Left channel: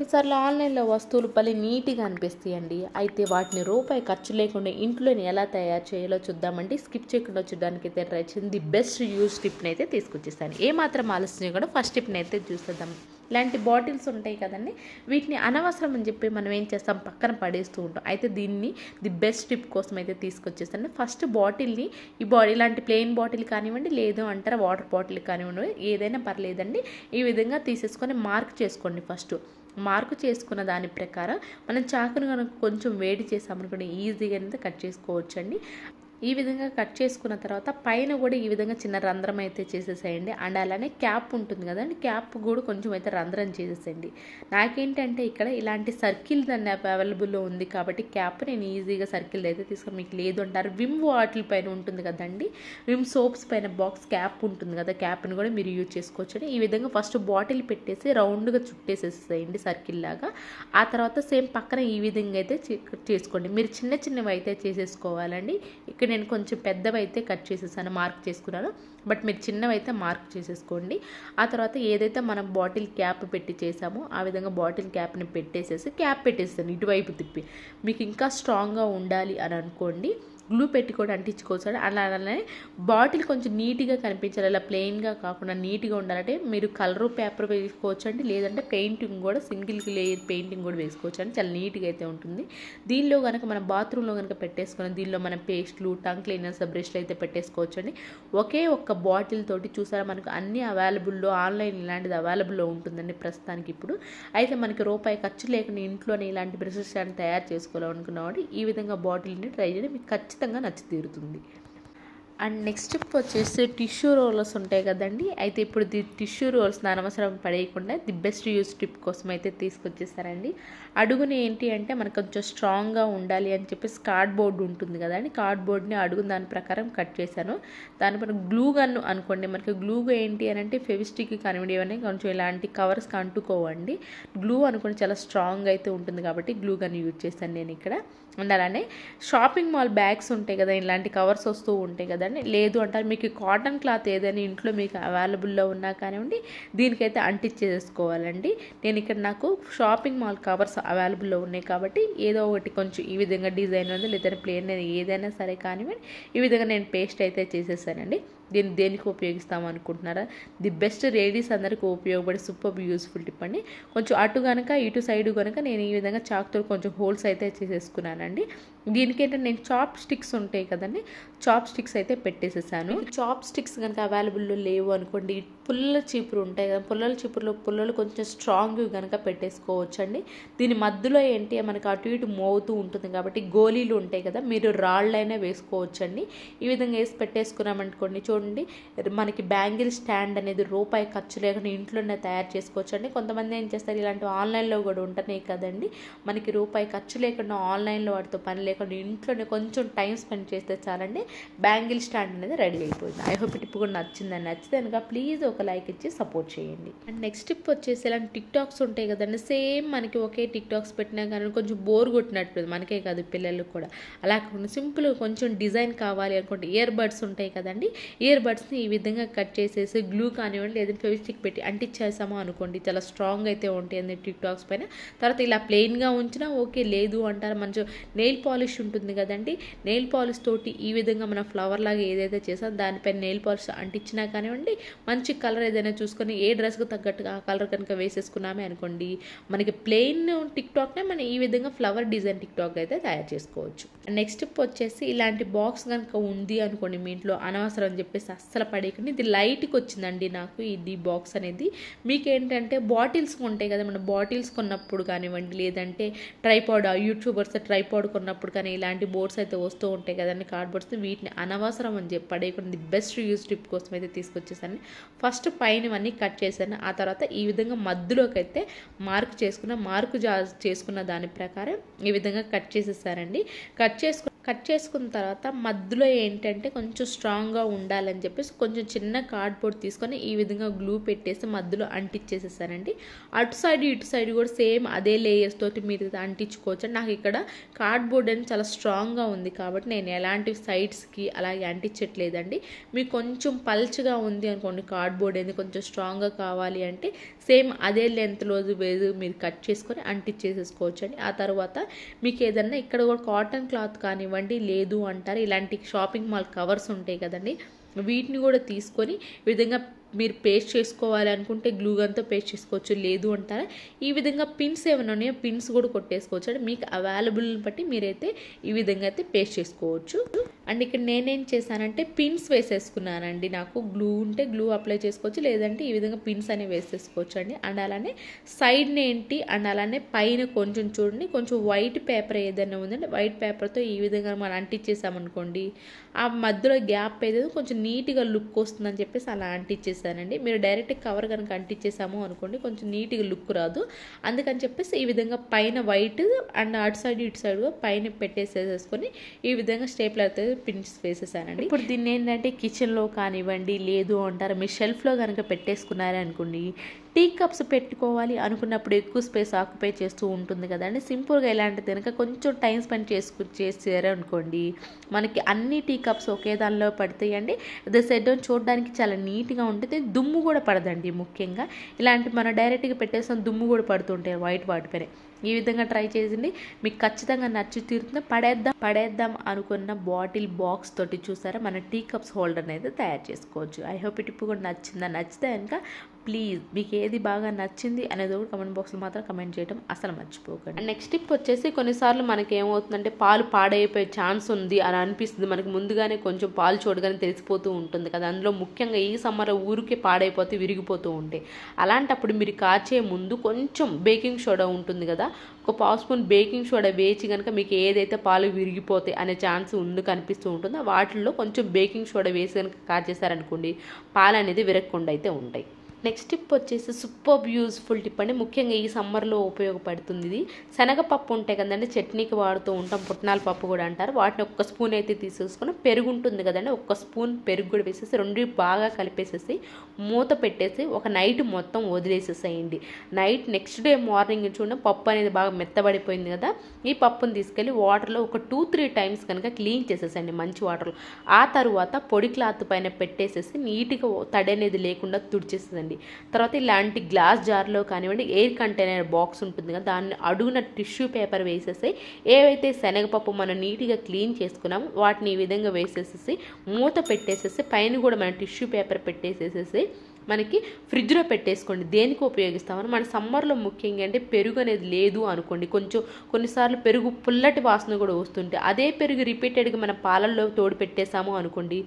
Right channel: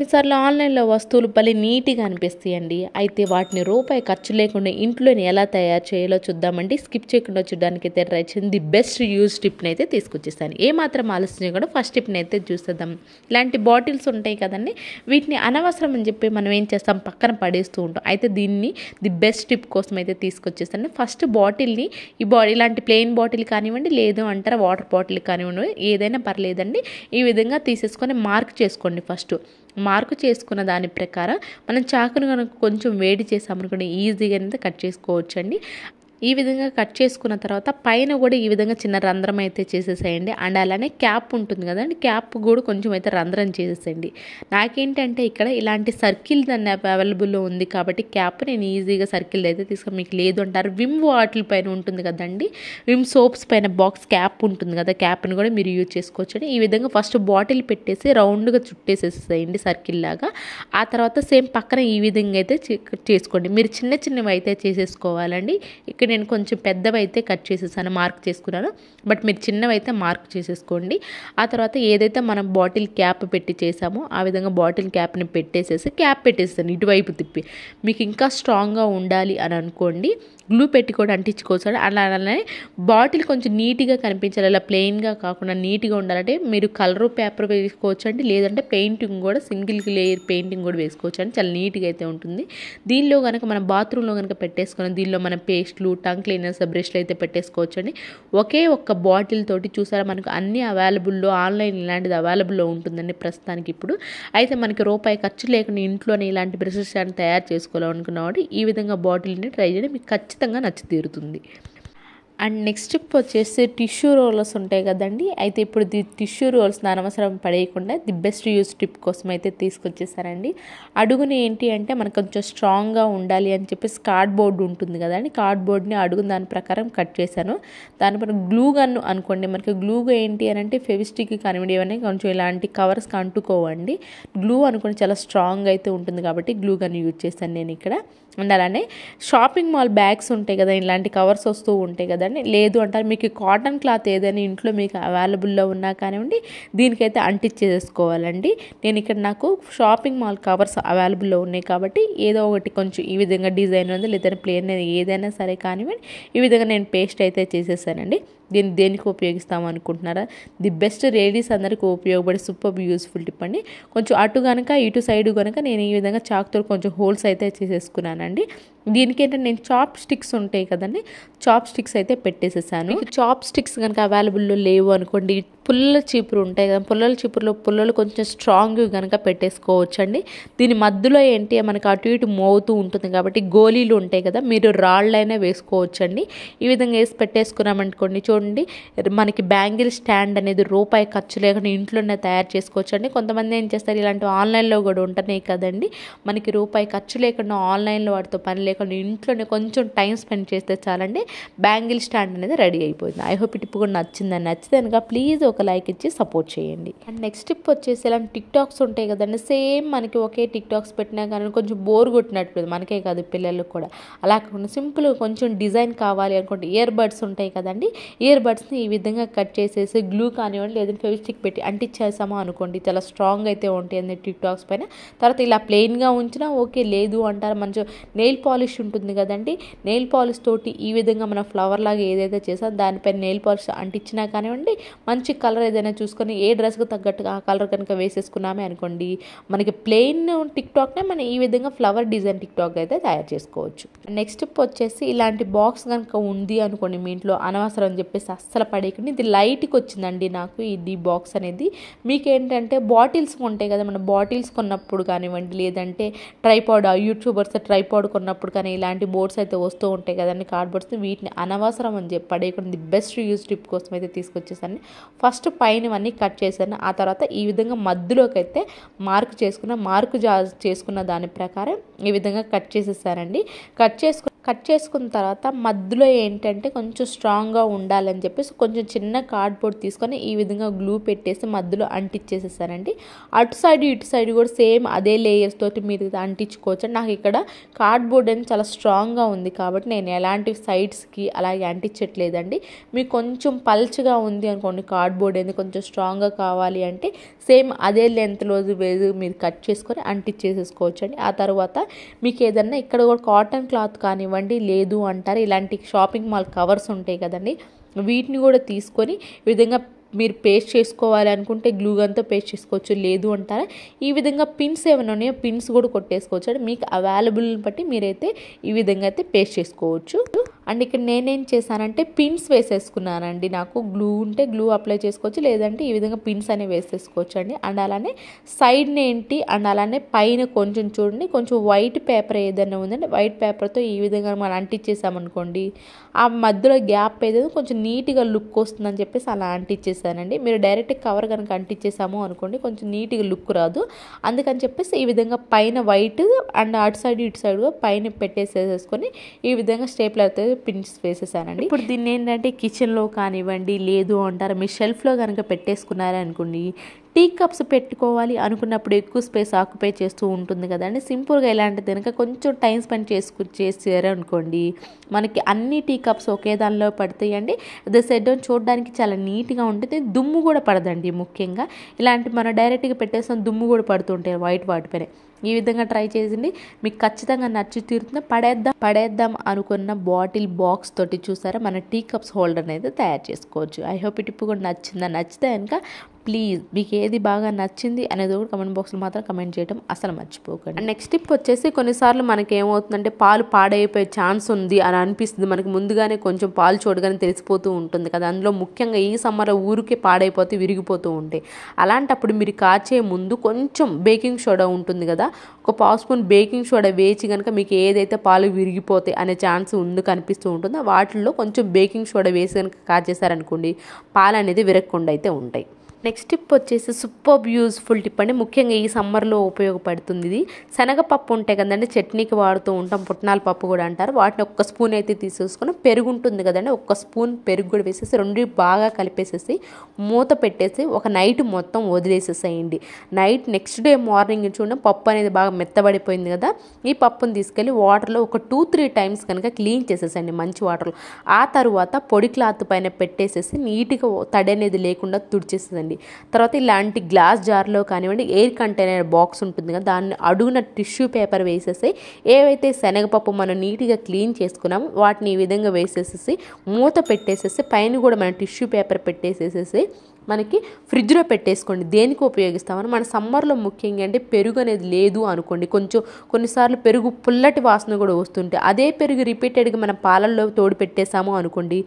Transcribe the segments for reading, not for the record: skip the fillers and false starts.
కొన్నిసార్లు ఆన్లైన్లో వస్తువులు భలే నీట్గా అనిపిస్తాయండి. అయితే వాటిని రూపాయి ఖర్చు లేకుండా ఇంట్లోనే ఎలా తయారు చేయాలో చూద్దామండి. స్కిప్ చేయకుండా చూడడానికైతే ట్రై చేయండి. ది బెస్ట్ యూజ్ టిప్ని అయితే తీసుకొచ్చేస్తాను. ఏమాత్రం ఆలస్యం చేయకుండా ఫస్ట్ టిప్ని అయితే చూసేద్దాం. ఇలాంటి బాటిల్స్ ఉంటాయి కదండి, వీటిని అనవసరం అని చెప్పి మనం ఏం చేస్తాం, పక్కన పడేస్తూ ఉంటాం. అయితే దీన్ని ది బెస్ట్ టిప్ కోసం అయితే తీసుకొచ్చేస్తాను. ఫస్ట్ బాటిల్ని ఇలాంటి ప్లెయిన్ బాటిల్ కానివ్వండి, లేదు అంటారా వాటర్ బాటిల్ కానివ్వండి, ఏదైనా పర్లేదండి. ఈ విధంగా తీసేసుకొని మార్క్ చేసుకోండి. ఫస్ట్ మార్కు చేసుకున్న దాని ప్రకారం మనం చాకును కనుక కొంచెం వేడి చేసామనుకోండి, ఈజీగా అయితే కట్ చేసుకోవచ్చండి. ఈ విధంగా కట్ చేసుకున్న తర్వాత పైన కూడా ఈ విధంగా చిన్న రంధ్రం అయితే చేసేసేయండి. అండ్ అలానే క్యాప్ ఉంటుంది కదండి, క్యాప్ కూడా కొంచెం అయితే రంధ్రం చేసేసేయండి. నాకేంటంటే ఇక్కడ ఇలాంటి సర్కిల్ దాన్ని అవైలబుల్లో ఉంది కాబట్టి క్యాప్ నేను ఈజీగా సర్కిల్ అయితే తీసుకొని, మీకు లేదు అంటారు విమ్ వాటిల్ పైన ఉంటుంది కదండి, విమ్ సోప్స్ పైన బాక్స్ క్యాప్ ఉంటుంది కదా, క్యాప్ని కూడా మీరు యూజ్ చేసుకోవచ్చు. ఈ విధంగా ఫస్ట్ బాటిల్ పెట్టేసి రౌండ్గా చుట్టేసేసేయండి సర్కిల్ లాగా. ఆ తర్వాత సేమ్ పక్కన ఈ విధంగా అయితే చేసుకోండి. మీరు చిన్న చిన్నవి అయితే చేసేసుకోవాలండి. ఇక్కడ నేను కొంచెం పెద్దవి అయితే కట్ చేసేసాను, మార్క్ చేసుకున్నాను. బట్ మీరు చిన్నవి అయితే మార్క్ చేసేసుకోండి. ఆ తర్వాత ఏదైతే మనం బాటిల్ క్యాప్ పెట్టి చేసామో ఆ విధంగా బాటిల్ క్యాప్ని పెట్టేసేసి క్యాప్ పెట్టేస్తాను ఇటువైపు తిప్పి. మీకు ఇంకా స్ట్రాంగ్గా ఉండాలి అని అనుకోండి, గ్లూ పెట్టి కూడా అంటించుకోవచ్చు. అలానే బాటిల్ కొంచెం నీట్గా కనిపించాలి, అలా ప్లెయిన్గా కాకుండా నీట్గా ఉండాలంటే మీరు కలర్ పేపర్ వేసుకోవచ్చు అండి, లేదంటే పెయింటింగ్ కూడా సింగిల్ లేయర్ పెయింటింగ్ కూడా వేసుకోవచ్చు అండి, చాలా నీట్గా అయితే ఉంటుంది. దీనిలో కనుక మనం బాత్రూంలో కనుక పెట్టేసుకొని దీనిలో మనం పేస్ట్లు, టంగ్ క్లీనర్స్, బ్రష్లు అయితే పెట్టేసుకోవచ్చు అండి. ఒకే ఒక్క బాటిల్ తోటి చూసారా మనకు అన్ని అవైలబుల్లో, ఆన్లైన్ ఇలాంటిది అవైలబుల్లో ఉంటుందండి ప్రస్తుతానికి ఇప్పుడు. అయితే మనకి రూపాయి ఖర్చు లేకుండా ఇంట్లోనే ఇలాంటి బ్రషెస్ అని తయారు చేసుకోవాలనుకున్నవాడు ఈ విధంగా బాటిల్ని ట్రై చేయండి, మీకు ఖచ్చితంగా నచ్చి తీరుతుంది. అండ్ నెక్స్ట్ టిప్ వచ్చేసి టిష్యూ రోలర్స్ ఉంటాయి కదండి. అయితే ఇప్పుడు టిష్యూ రోల్స్ని అనవసరం పడేయకుండా ది బెస్ట్ యూజ్ టిప్ కోసం అయితే తీసుకొచ్చేసారండి. అడుగున ఏంటి అంటే మనకు కొంచెం స్ట్రాంగ్గా ఉండాలి అని చెప్పేసి కార్డ్బోర్డ్ ఉంటుంది కదండి, కార్డ్బోర్డ్ని అడుగున దాని ప్రకారం కట్ చేశాను. దానిపైన గ్లూ గన్ అనుకోండి, మనకి గ్లూగా ఏంటి అని అంటే ఫెవిస్టిక్ కానివ్వండి, ఏమైనా కొంచెం ఇలాంటి కవర్స్కి అంటుకోవండి. గ్లూ అనుకోండి చాలా స్ట్రాంగ్ అయితే ఉంటుంది కాబట్టి గ్లూ గన్ యూజ్ చేశాను నేను ఇక్కడ. అండ్ అలానే షాపింగ్ మాల్ బ్యాగ్స్ ఉంటాయి కదా, ఇలాంటి కవర్స్ వస్తూ ఉంటాయి కదండి, లేదు అంటారు మీకు కాటన్ క్లాత్ ఏదైనా ఇంట్లో మీకు అవైలబుల్లో ఉన్నా కానివ్వండి దీనికైతే అంటించేసుకోవాలండి. నేను ఇక్కడ నాకు షాపింగ్ మాల్ కవర్స్ అవైలబుల్లో ఉన్నాయి కాబట్టి ఏదో ఒకటి కొంచెం ఈ విధంగా డిజైన్ ఉంది, లేదా ప్లేన్ ఏదైనా సరే కానివ్వండి ఈ విధంగా నేను పేస్ట్ అయితే చేసేసానండి. దీన్ని దేనికి ఉపయోగిస్తాము అనుకుంటున్నారా, ది బెస్ట్ లేడీస్ అందరికీ ఉపయోగపడే సూపర్ యూస్ఫుల్ టిప్ అండి. కొంచెం అటు కనుక ఇటు సైడ్ కనుక నేను ఈ విధంగా చాక్తో కొంచెం హోల్స్ అయితే చేసేసుకున్నానండి. దీనికి ఏంటంటే నేను చాప్ స్టిక్స్ ఉంటాయి కదండి, చాప్ స్టిక్స్ అయితే పెట్టేసేసాను. చాప్ స్టిక్స్ కనుక అవైలబుల్లో లేవు అనుకోండి, పుల్లల చీపురు ఉంటాయి కదా, పుల్లల చీపురులో పుల్లలు కొంచెం స్ట్రాంగ్ కనుక పెట్టేసుకోవచ్చు అండి. దీని మధ్యలో ఏంటి మనకు అటు ఇటు మోగుతూ ఉంటుంది కాబట్టి గోళీలు ఉంటాయి కదా, మీరు రాళ్ళైనా వేసుకోవచ్చు అండి. ఈ విధంగా వేసి పెట్టేసుకున్నామనుకోండి, చూడండి మనకి బ్యాంగిల్ స్టాండ్ అనేది రూపాయి ఖర్చు లేకుండా ఇంట్లోనే తయారు చేసుకోవచ్చు అండి. కొంతమంది ఏం చేస్తారు, ఇలాంటి ఆన్లైన్లో కూడా ఉంటున్నాయి కదండి, మనకి రూపాయి ఖర్చు లేకుండా ఆన్లైన్లో వాటితో పని లేకుండా ఇంట్లోనే కొంచెం టైం స్పెండ్ చేస్తే చాలండి, బ్యాంగిల్ స్టాండ్ అనేది రెడీ అయిపోయింది. ఐ హోప్ ఈ టిప్ కూడా నచ్చిందని, నచ్చితే కనుక ప్లీజ్ ఒక లైక్ ఇచ్చి సపోర్ట్ చేయండి. అండ్ నెక్స్ట్ టిప్ వచ్చేసి ఇలాంటి టిక్ టాక్స్ ఉంటాయి కదండి, సేమ్ మనకి ఒకే టిక్ టాక్స్ పెట్టినా కానీ కొంచెం బోర్ కొట్టినట్టు, మనకే కాదు పిల్లలకు కూడా అలా కాకుండా సింపుల్గా కొంచెం డిజైన్ కావాలి అనుకుంటే ఇయర్ బడ్స్ ఉంటాయి కదండి, ఇయర్ బడ్స్ని ఈ విధంగా కట్ చేసేసి గ్లూ కానివ్వండి లేదంటే ఫెవిస్టిక్ పెట్టి అంటించేసామో అనుకోండి, చాలా స్ట్రాంగ్ అయితే ఉంటాయి టిక్ టాక్స్ పైన. తర్వాత ఇలా ప్లెయిన్గా ఉంచినా ఓకే, లేదు అంటారు మంచి నెయిల్ పాలిష్ ఉంటుంది కదండి, నెయిల్ పాలిష్ తోటి ఈ విధంగా మనం ఫ్లవర్ లాగా ఏదైతే చేసామో దానిపైన నెయిల్ పాలిష్ అంటించినా కానివ్వండి, మంచి కలర్ ఏదైనా చూసుకొని ఏ డ్రెస్కి తగ్గట్టుగా ఆ కలర్ కనుక వేసేసుకున్నామే అనుకోండి, మనకి ప్లెయిన్ టిక్ టాక్నే మనం ఈ విధంగా ఫ్లవర్ డిజైన్ టిక్ టాక్ అయితే తయారు చేసుకోవచ్చు. నెక్స్ట్ టిప్ వచ్చేసి ఇలాంటి బాక్స్ కనుక ఉంది అనుకోండి మీ ఇంట్లో, అనవసరం అని చెప్పేసి అస్సలు పడేయకండి. ఇది లైట్కి వచ్చిందండి నాకు ఇది బాక్స్ అనేది. మీకేంటంటే బాటిల్స్ ఉంటాయి కదా, మన బాటిల్స్ కొన్నప్పుడు కానివ్వండి, లేదంటే ట్రైపాడ్ యూట్యూబర్స్ ట్రైపాడ్ కొన్నప్పుడు కానీ ఇలాంటి బోర్డ్స్ అయితే వస్తూ ఉంటాయి కదండి, కార్డ్బోర్డ్స్, వీటిని అనవసరం అని చెప్పి పడేయకుండా ది బెస్ట్ యూజ్ టిప్ కోసం అయితే తీసుకొచ్చేసాను. ఫస్ట్ పైనవన్నీ కట్ చేశాను, ఆ తర్వాత ఈ విధంగా మధ్యలోకి అయితే మార్కు చేసుకున్న దాని ప్రకారం ఈ విధంగా కట్ చేసేసానండి. కట్ చేసుకున్న తర్వాత మధ్యలో ఏంటంటే కొంచెం స్ట్రాంగ్గా ఉండాలని చెప్పేసి కొంచెం చిన్న కార్డ్బోర్డ్ తీసుకొని ఈ విధంగా గ్లూ పెట్టేసి మధ్యలో అంటించేసేసానండి. అటు సైడ్ ఇటు సైడ్ కూడా సేమ్ అదే లేయర్స్ తోటి మీరు అంటించుకోవచ్చు. నాకు ఇక్కడ కార్డ్బోర్డ్ అనేది చాలా స్ట్రాంగ్గా ఉంది కాబట్టి నేను ఎలాంటి సైడ్స్కి అలాగే అంటించట్లేదండి. మీకు కొంచెం పల్చగా ఉంది అనుకోండి కార్డ్బోర్డ్ అనేది కొంచెం స్ట్రాంగ్గా కావాలి అంటే సేమ్ అదే లెంత్లో మీరు కట్ చేసుకొని అంటించేసేసుకోవచ్చు అండి. ఆ తర్వాత మీకు ఏదన్నా ఇక్కడ కూడా కాటన్ క్లాత్ కానివ్వండి లేదు అంటారు ఇలాంటి షాపింగ్ మాల్ కవర్స్ ఉంటాయి కదండి, వీటిని కూడా తీసుకొని ఈ విధంగా మీరు పేస్ట్ చేసుకోవాలి అనుకుంటే గ్లూ గన్తో పేస్ట్ చేసుకోవచ్చు. లేదు అంటారా ఈ విధంగా పిన్స్ ఏమైనా ఉన్నాయో పిన్స్ కూడా కొట్టేసుకోవచ్చు అండి. మీకు అవైలబుల్ బట్టి మీరైతే ఈ విధంగా అయితే పేస్ట్ చేసుకోవచ్చు. అండ్ ఇక్కడ నేనేం చేశానంటే పిన్స్ వేసేసుకున్నానండి. నాకు గ్లూ ఉంటే గ్లూ అప్లై చేసుకోవచ్చు, లేదంటే ఈ విధంగా పిన్స్ అనేవి వేసేసుకోవచ్చు అండి. అండ్ అలానే సైడ్ని ఏంటి అండ్ అలానే పైన కొంచెం చూడండి కొంచెం వైట్ పేపర్ ఏదైనా ఉందండి, వైట్ పేపర్తో ఈ విధంగా మనం అంటించేసామనుకోండి ఆ మధ్యలో గ్యాప్ ఏదైనా కొంచెం నీట్గా లుక్ వస్తుందని చెప్పేసి అలా అంటించేసానండి. మీరు డైరెక్ట్ కవర్ కనుక అంటించేసాము అనుకోండి కొంచెం నీట్గా లుక్ రాదు. అందుకని చెప్పేసి ఈ విధంగా పైన వైట్ అండ్ అటు సైడ్ ఇటు సైడ్ పైన పెట్టేసేసుకొని ఈ విధంగా స్టేప్లర్ అయితే పిన్స్ వేసేసానండి. ఇప్పుడు దీన్ని ఏంటంటే కిచెన్లో కానివ్వండి లేదు అంటారు మీరు షెల్ఫ్లో కనుక పెట్టేసుకున్నారే అనుకోండి టీ కప్స్ పెట్టుకోవాలి అనుకున్నప్పుడు ఎక్కువ స్పేస్ ఆక్యుపై చేస్తూ ఉంటుంది కదండి. సింపుల్గా ఇలాంటిది కనుక కొంచెం టైం స్పెండ్ చేసారు అనుకోండి మనకి అన్ని టీ కప్స్ ఒకే దానిలో పడతాయండి. అదే సెట్ చూడడానికి చాలా నీట్గా ఉంటుంది, దుమ్ము కూడా పడదండి. ముఖ్యంగా ఇలాంటి మనం డైరెక్ట్గా పెట్టేసిన దుమ్ము కూడా పడుతుంటాయి వైట్ వాటిపైన. ఈ విధంగా ట్రై చేసింది మీకు ఖచ్చితంగా నచ్చి తీరుతుంది. పడేద్దాం అనుకున్న బాటిల్ బాక్స్ తోటి చూసారా మన టీ కప్స్ హోల్డర్ అయితే తయారు చేసుకోవచ్చు. ఐ హోప్ ఈ టిప్ కూడా నచ్చితే కనుక ప్లీజ్ మీకు ఏది బాగా నచ్చింది అనేది కూడా కమెంట్ బాక్స్లో మాత్రం కమెంట్ చేయడం అసలు మర్చిపోకండి. నెక్స్ట్ టిప్ వచ్చేసి కొన్నిసార్లు మనకి ఏమవుతుందంటే పాలు పాడైపోయే ఛాన్స్ ఉంది అని అనిపిస్తుంది. మనకి ముందుగానే కొంచెం పాలు చూడగానే తెలిసిపోతూ ఉంటుంది కదా, అందులో ముఖ్యంగా ఈ సమ్మర్లో ఊరికే పాడైపోతే విరిగిపోతూ ఉంటాయి. అలాంటప్పుడు మీరు కాచే ముందు కొంచెం బేకింగ్ సోడా ఉంటుంది కదా, ఒక పావు స్పూన్ బేకింగ్ సోడా వేచి కనుక మీకు ఏదైతే పాలు విరిగిపోతాయి అనే ఛాన్స్ ఉంది కనిపిస్తూ ఉంటుందో వాటిల్లో కొంచెం బేకింగ్ సోడా వేసి కనుక కాచేసారనుకోండి పాలు అనేది విరగకుండా అయితే ఉంటాయి. నెక్స్ట్ టిప్ వచ్చేసి సూపర్ యూజ్ఫుల్ టిప్ అండి. ముఖ్యంగా ఈ సమ్మర్లో ఉపయోగపడుతుంది. ఇది శనగపప్పు ఉంటాయి కదండి చట్నీకి వాడుతూ ఉంటాం, పుట్నాల పప్పు కూడా అంటారు. వాటిని ఒక్క స్పూన్ అయితే తీసేసుకొని పెరుగు ఉంటుంది కదండి ఒక్క స్పూన్ పెరుగు కూడా వేసేసి రెండు బాగా కలిపేసేసి మూత పెట్టేసి ఒక నైట్ మొత్తం వదిలేసేసేయండి. నైట్ నెక్స్ట్ డే మార్నింగ్ చూడండి పప్పు అనేది బాగా మెత్తబడిపోయింది కదా, ఈ పప్పును తీసుకెళ్ళి వాటర్లో ఒక 2-3 టైమ్స్ కనుక క్లీన్ చేసేసండి మంచి వాటర్లో. ఆ తర్వాత పొడి క్లాత్ పైన పెట్టేసేసి నీట్గా తడి అనేది లేకుండా తుడిచేసేదండి. తర్వాత ఇలాంటి గ్లాస్ జార్లో కానివ్వండి ఎయిర్ కంటైనర్ బాక్స్ ఉంటుంది కదా దాన్ని అడుగున టిష్యూ పేపర్ వేసేసి ఏవైతే శనగపప్పు మనం నీట్గా క్లీన్ చేసుకున్నామో వాటిని ఈ విధంగా వేసేసేసి మూత పెట్టేసేసి పైన కూడా మనం టిష్యూ పేపర్ పెట్టేసేసేసి మనకి ఫ్రిడ్జ్లో పెట్టేసుకోండి. దేనికి ఉపయోగిస్తామని మన సమ్మర్లో ముఖ్యంగా అంటే పెరుగు అనేది లేదు అనుకోండి కొంచెం కొన్నిసార్లు పెరుగు పుల్లటి వాసన కూడా వస్తుంటే అదే పెరుగు రిపీటెడ్గా మన పాలల్లో తోడు పెట్టేసాము అనుకోండి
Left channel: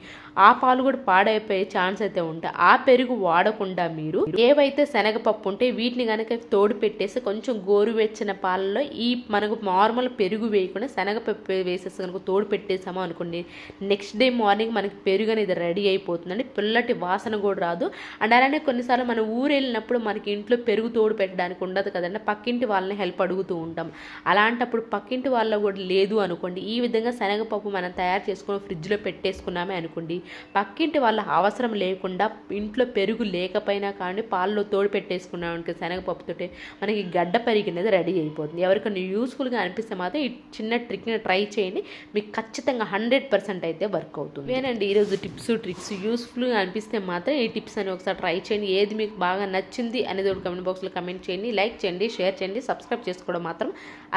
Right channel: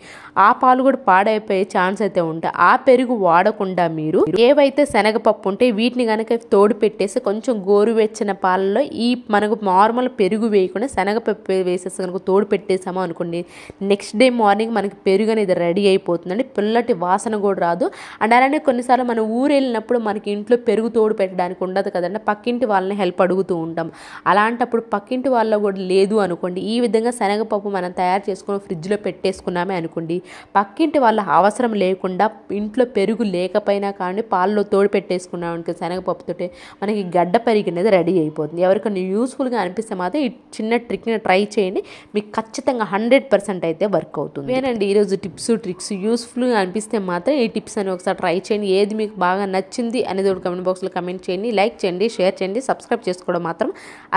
ఆ పాలు కూడా పాడైపోయే ఛాన్స్ అయితే ఉంటాయి. ఆ పెరుగు వాడకుండా మీరు ఏవైతే శనగపప్పు ఉంటే వీటిని కనుక తోడు పెట్టేసి కొంచెం గోరువెచ్చని పాలలో ఈ మనకు నార్మల్ పెరుగు వేయకుండా శనగపప్పు వేసేసి కనుక తోడు పెట్టేసాము అనుకోండి నెక్స్ట్ డే మార్నింగ్ మనకి పెరుగు అనేది రెడీ అయిపోతుందండి. పుల్లటి వాసన కూడా రాదు. అండ్ అలానే కొన్నిసార్లు మనం ఊరు వెళ్ళినప్పుడు మనకి ఇంట్లో పెరుగు తోడు పెట్టడానికి ఉండదు కదండి, పక్కింటి వాళ్ళని హెల్ప్ అడుగుతూ ఉంటాం. అలాంటప్పుడు పక్కింటి వాళ్ళ కూడా లేదు అనుకోండి ఈ విధంగా శనగపప్పు మనం తయారు చేసుకొని ఫ్రిడ్జ్లో పెట్టేసుకున్నామే అనుకోండి పక్కింటి వాళ్ళ అవసరం లేకుండా ఇంట్లో పెరుగు లేకపోయినా కానీ పాలలో తోడు పెట్టేసుకున్నాం అనుకో శనగపప్పుతోటి మనకి గడ్డ పెరుగు అనేది రెడీ అయిపోతుంది. ఎవరికైనా యూస్ఫుల్గా అనిపిస్తే మాత్రం ఈ చిన్న ట్రిక్ని ట్రై చేయండి, మీకు ఖచ్చితంగా 100% అయితే వర్క్ అవుతుంది. నేనండి ఈరోజు టిప్స్ ట్రిక్స్ యూస్ఫుల్గా అనిపిస్తే మాత్రం ఈ టిప్స్ అని ఒకసారి ట్రై చేయండి. ఏది మీకు బాగా నచ్చింది అనేది ఒక కమెంట్ బాక్స్లో కమెంట్ చేయండి, లైక్ చేయండి, షేర్ చేయండి, సబ్స్క్రైబ్ చేసుకోవడం మాత్రం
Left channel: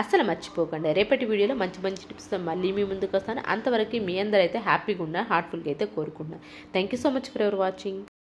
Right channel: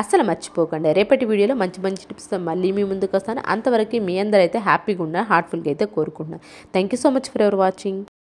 అస్సలు మర్చిపోకండి. రేపటి వీడియోలో మంచి మంచి టిప్స్తో మళ్ళీ మీ ముందుకు వస్తాను. అంతవరకు మీ అందరూ అయితే హ్యాపీగా ఉండాలి హార్ట్ఫుల్గా అయితే కోరుకుంటున్నాను. Thank you so much for ever watching.